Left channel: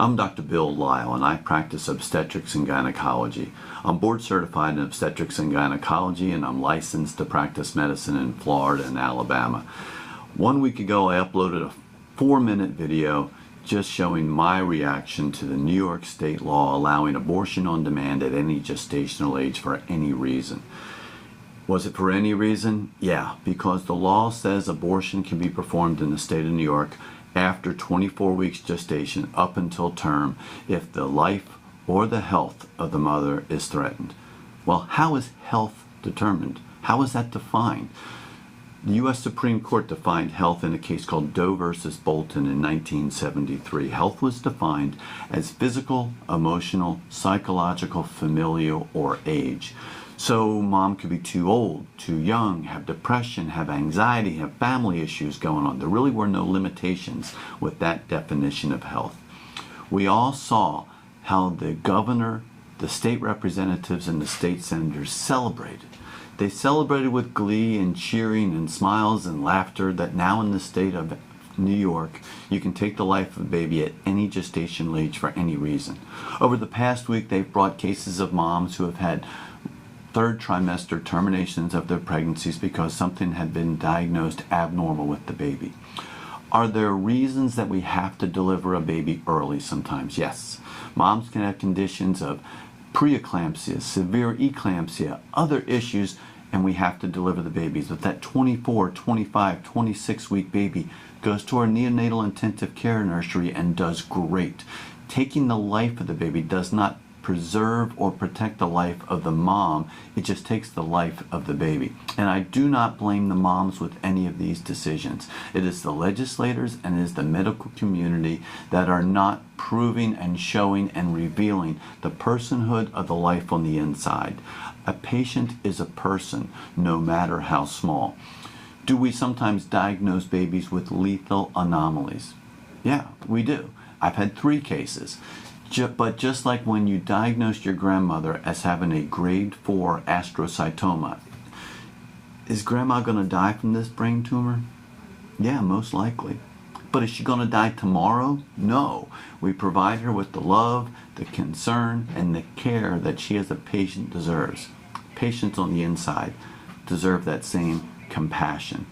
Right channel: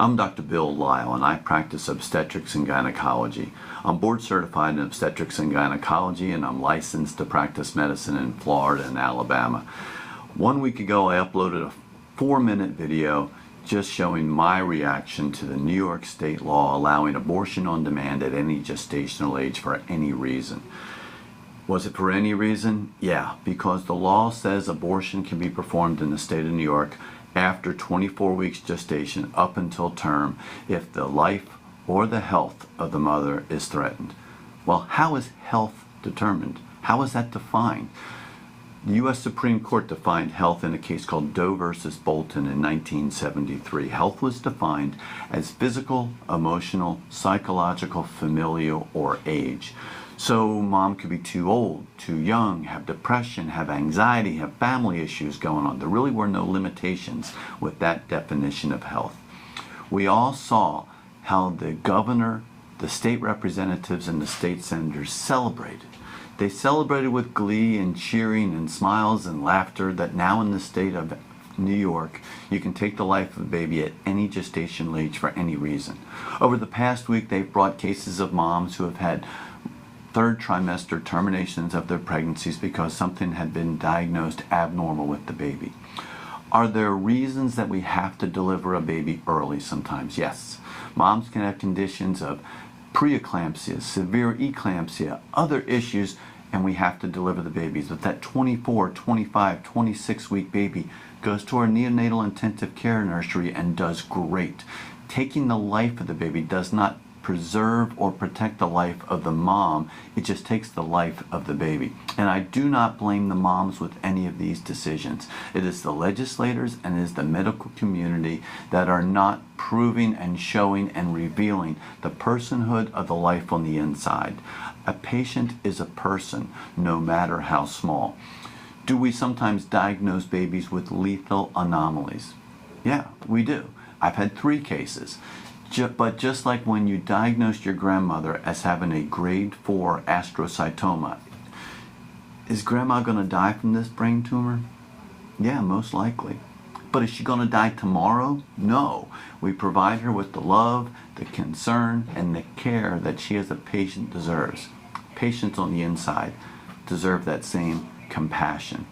I'm Dr. Bill Lile, and I practice obstetrics and gynecology. I'm board certified in obstetrics and gynecology, and I'm licensed to practice medicine in Florida and Alabama. 1 week ago, I uploaded a 4-minute video just showing my reaction to the New York state law allowing abortion on demand at any gestational age for any reason. Was it for any reason? Yeah, because the law says abortion can be performed in the state of New York after 24 weeks gestation up until term if the life or the health of the mother is threatened. Well, how is health determined? How is that defined? The U.S. Supreme Court defined health in a case called Doe versus Bolton in 1973. Health was defined as physical, emotional, psychological, familial, or age. So mom could be too old, too young, have depression, have anxiety, have family issues going on. There really were no limitations with that definition of health. We all saw how the governor, the state representatives, and the state senators celebrated. They celebrated with glee and cheering and smiles and laughter that now in the state of New York, you can take the life of a baby at any gestational age for any reason. Over the past week, they've brought cases of moms who have had third trimester terminations of their pregnancies because something had been diagnosed abnormal with the baby. Are there reasons that we have to deliver a baby early sometimes? Yes. Moms can have conditions of preeclampsia, severe eclampsia, other issues, and we have to deliver the babies. If that 24, 25, 26-week baby goes to our neonatal intensive care nursery and does great, taking the life of the baby does not preserve or protect the life of the mom. It just takes the life of the baby. And I do not blame the moms with any of these decisions. It is the legislators and it is the medical community that are not proving and showing and revealing the personhood of the life on the inside. A patient is a person, no matter how small. Do we sometimes diagnose babies with lethal anomalies? Yeah, we do. I've had 3 cases. But just like when you diagnosed your grandmother as having a grade 4 astrocytoma, is grandma going to die from this brain tumor? Yeah, most likely. But is she going to die tomorrow? No. We provide her with the love, the concern, and the care that she as a patient deserves. Patients on the inside deserve that same compassion.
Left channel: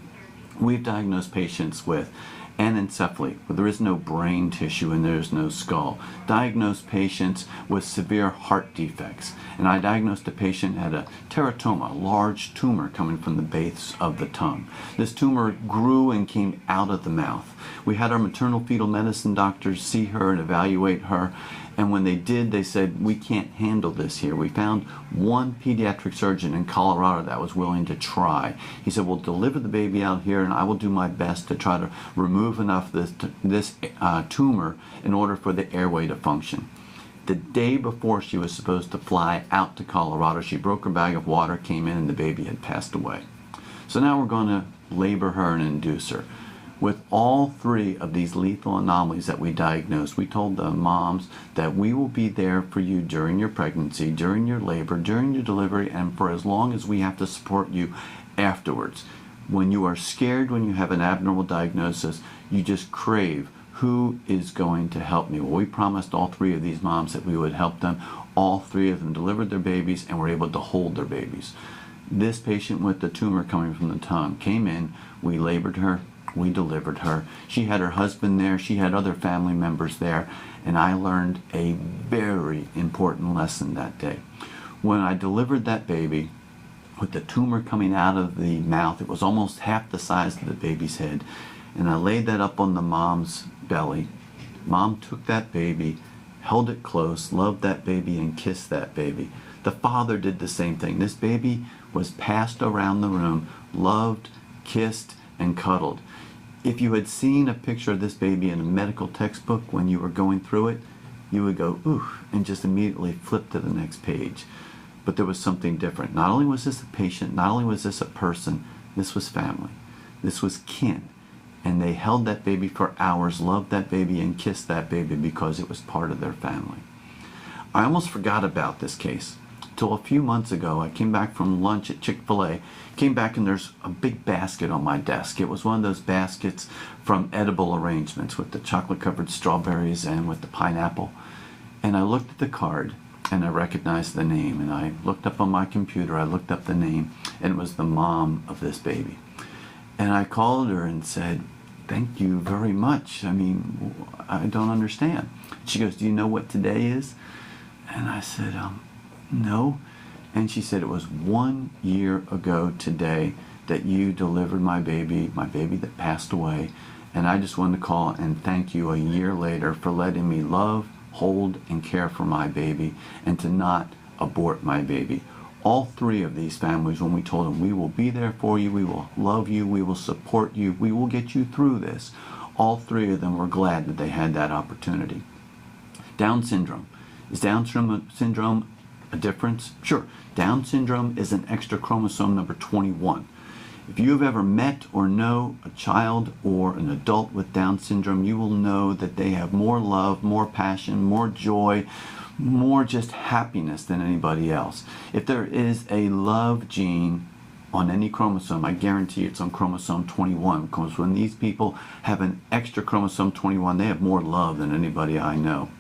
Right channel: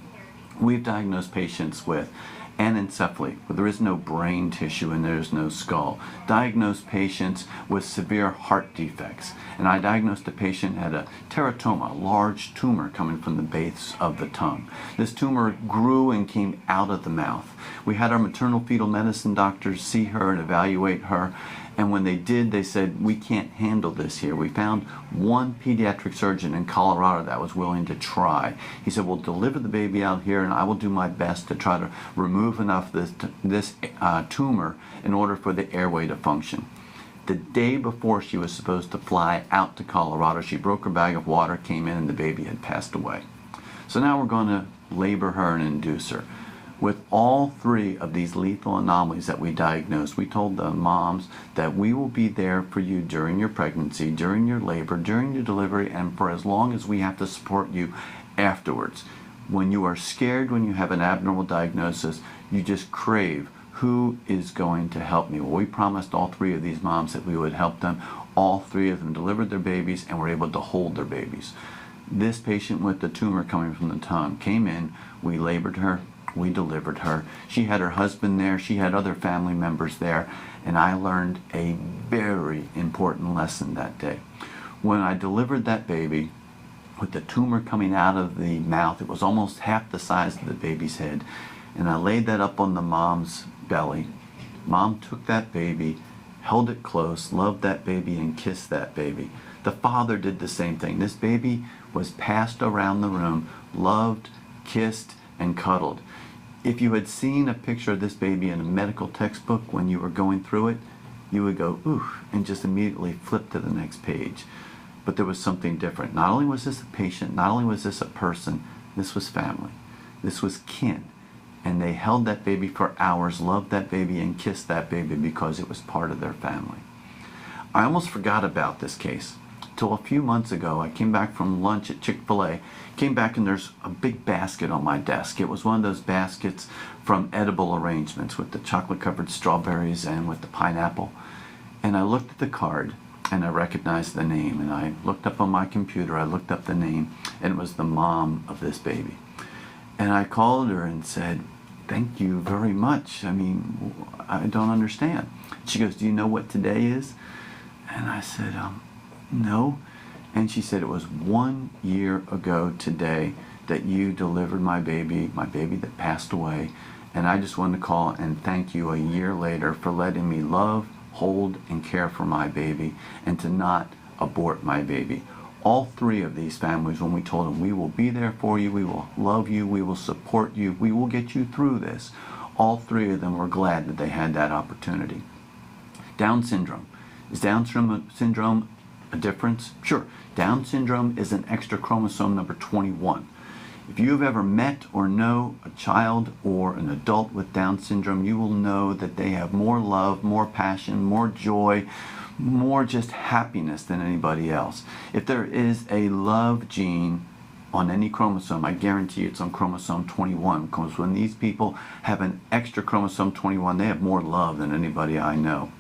We've diagnosed patients with anencephaly, where there is no brain tissue and there is no skull. Diagnosed patients with severe heart defects. And I diagnosed a patient had a teratoma, a large tumor coming from the base of the tongue. This tumor grew and came out of the mouth. We had our maternal fetal medicine doctors see her and evaluate her. And when they did, they said, we can't handle this here. We found one pediatric surgeon in Colorado that was willing to try. He said, we'll deliver the baby out here and I will do my best to try to remove enough of this tumor in order for the airway to function. The day before she was supposed to fly out to Colorado, she broke her bag of water, came in, and the baby had passed away. So now we're going to labor her and induce her. With all 3 of these lethal anomalies that we diagnosed, we told the moms that we will be there for you during your pregnancy, during your labor, during your delivery, and for as long as we have to support you afterwards. When you are scared, when you have an abnormal diagnosis, you just crave, who is going to help me? Well, we promised all 3 of these moms that we would help them. All 3 of them delivered their babies and were able to hold their babies. This patient with the tumor coming from the tongue came in, we labored her, we delivered her. She had her husband there, she had other family members there, and I learned a very important lesson that day. When I delivered that baby with the tumor coming out of the mouth, it was almost half the size of the baby's head, and I laid that up on the mom's belly. Mom took that baby, held it close, loved that baby, and kissed that baby. The father did the same thing. This baby was passed around the room, loved, kissed, and cuddled. If you had seen a picture of this baby in a medical textbook when you were going through it, you would go, ooh, and just immediately flip to the next page. But there was something different. Not only was this a patient, not only was this a person, this was family. This was kin. And they held that baby for hours, loved that baby, and kissed that baby because it was part of their family. I almost forgot about this case. till a few months ago. I came back from lunch at Chick-fil-A, came back and there's a big basket on my desk. It was one of those baskets from Edible Arrangements with the chocolate-covered strawberries and with the pineapple. And I looked at the card and I recognized the name, and I looked up on my computer, I looked up the name, and it was the mom of this baby. And I called her and said, "Thank you very much. I mean, I don't understand." She goes, "Do you know what today is?" And I said, "No." And she said, "It was 1 year ago today that you delivered my baby that passed away. And I just wanted to call and thank you a year later for letting me love, hold, and care for my baby and to not abort my baby." All three of these families, when we told them, "We will be there for you, we will love you, we will support you, we will get you through this," all three of them were glad that they had that opportunity. Down syndrome. Is Down syndrome a difference? Sure. Down syndrome is an extra chromosome number 21. If you have ever met or know a child or an adult with Down syndrome, you will know that they have more love, more passion, more joy, more just happiness than anybody else. If there is a love gene on any chromosome, I guarantee it's on chromosome 21, because when these people have an extra chromosome 21, they have more love than anybody I know.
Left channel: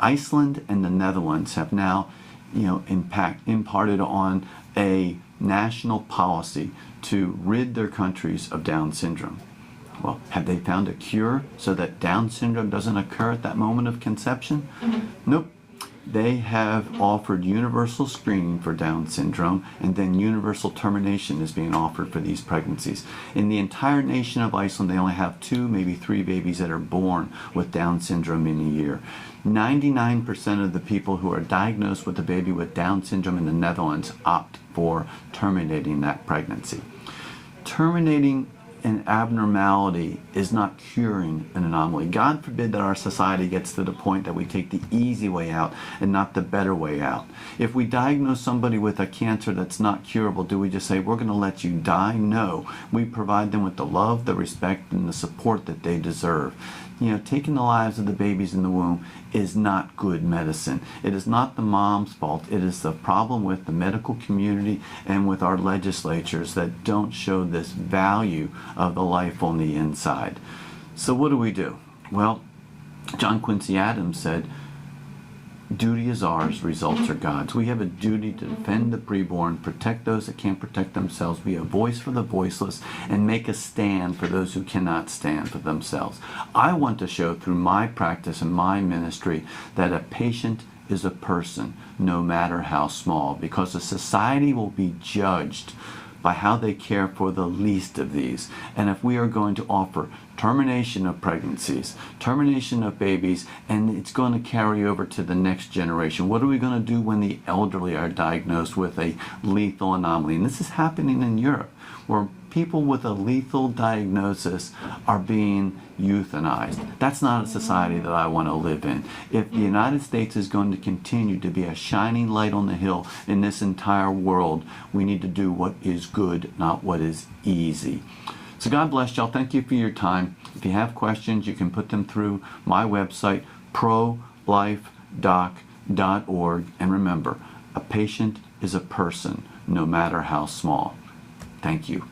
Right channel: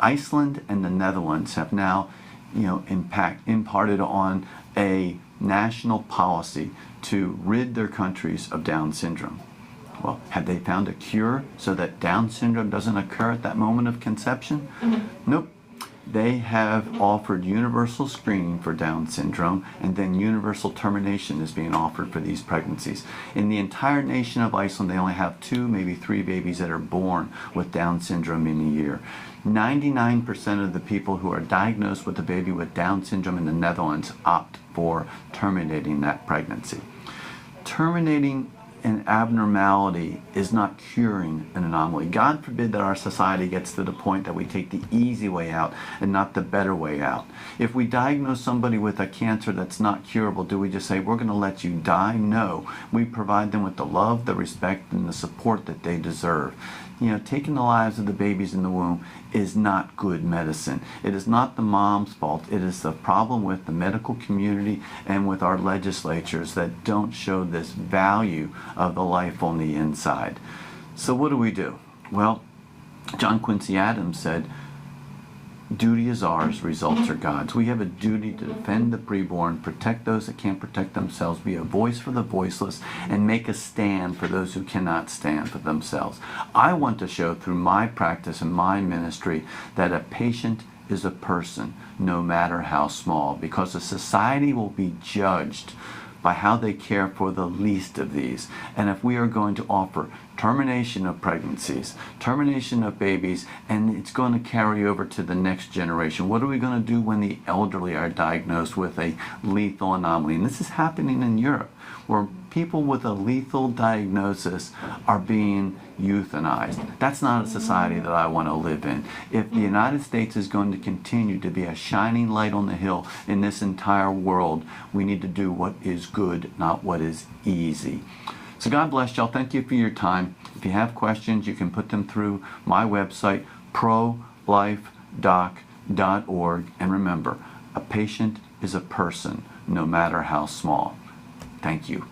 Iceland and the Netherlands have now, imparted on a national policy to rid their countries of Down syndrome. Well, have they found a cure so that Down syndrome doesn't occur at that moment of conception? Nope. They have offered universal screening for Down syndrome, and then universal termination is being offered for these pregnancies. In the entire nation of Iceland, they only have 2, maybe 3 babies that are born with Down syndrome in a year. 99% of the people who are diagnosed with a baby with Down syndrome in the Netherlands opt for terminating that pregnancy. Terminating an abnormality is not curing an anomaly. God forbid that our society gets to the point that we take the easy way out and not the better way out. If we diagnose somebody with a cancer that's not curable, do we just say, "We're going to let you die"? No. We provide them with the love, the respect, and the support that they deserve. Taking the lives of the babies in the womb is not good medicine. It is not the mom's fault. It is the problem with the medical community and with our legislatures that don't show this value of the life on the inside. So what do? Well, John Quincy Adams said, "Duty is ours, results are God's." We have a duty to defend the preborn, protect those that can't protect themselves, be a voice for the voiceless, and make a stand for those who cannot stand for themselves. I want to show through my practice and my ministry that a patient is a person, no matter how small, because a society will be judged by how they care for the least of these. And if we are going to offer termination of pregnancies, termination of babies, and it's going to carry over to the next generation, what are we going to do when the elderly are diagnosed with a lethal anomaly? And this is happening in Europe, where people with a lethal diagnosis are being euthanized. That's not a society that I want to live in. If the United States is going to continue to be a shining light on the hill in this entire world, we need to do what is good, not what is easy. So God bless y'all. Thank you for your time. If you have questions, you can put them through my website, prolifedoc.org. And remember, a patient is a person, no matter how small. Thank you.